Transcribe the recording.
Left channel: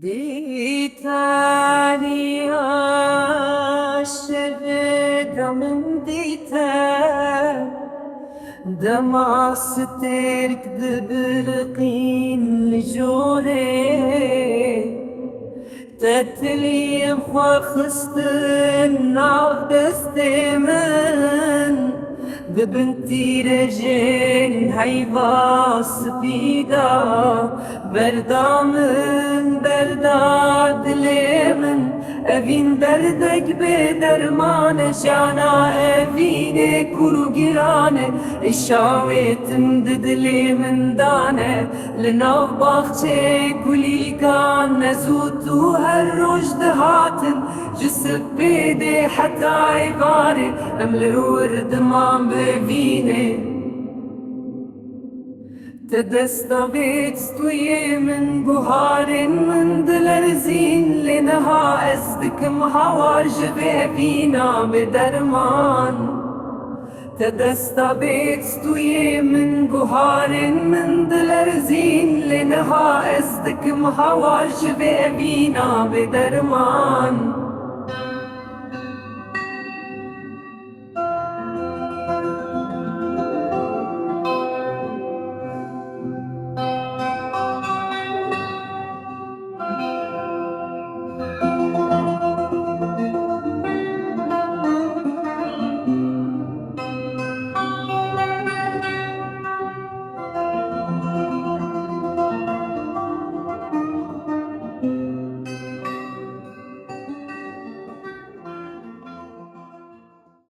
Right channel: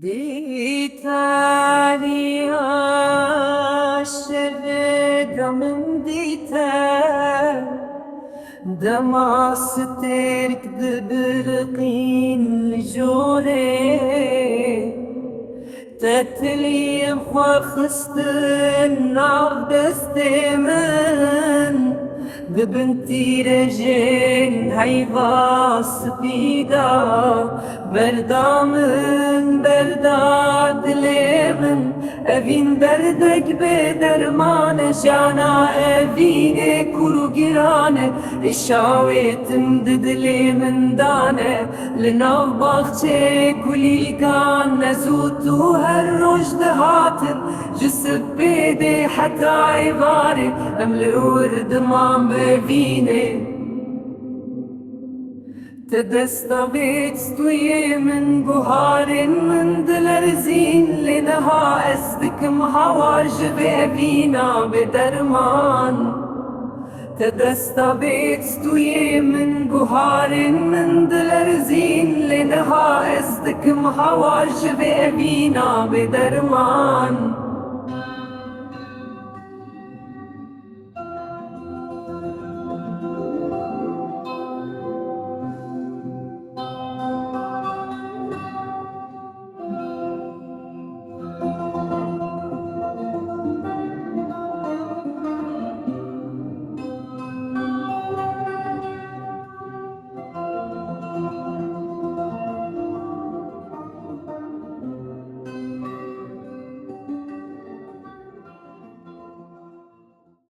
ديتاني عاشق من ديتا دمع سترك دبرقين لجوري تتلي فخستن عبدستمن ببنتي رجين هيباس بيدا بردا من بردا دلي من أبين بردك بدرمان جانا أبين كرو جيران الشاويت مددلي من دانه لناف باختي كلي كان نزوتو هالرشد هاتم جسد بيدي حتى عباري أمل ورد ما بفيني تدستبيت ستوي من بهار من دلرزين لنها أصدك مهواجب أبينا بدرمان تدستبيت ستوي من بهار من دلرزين لنها أصدك مهواجب أبينا بدرمان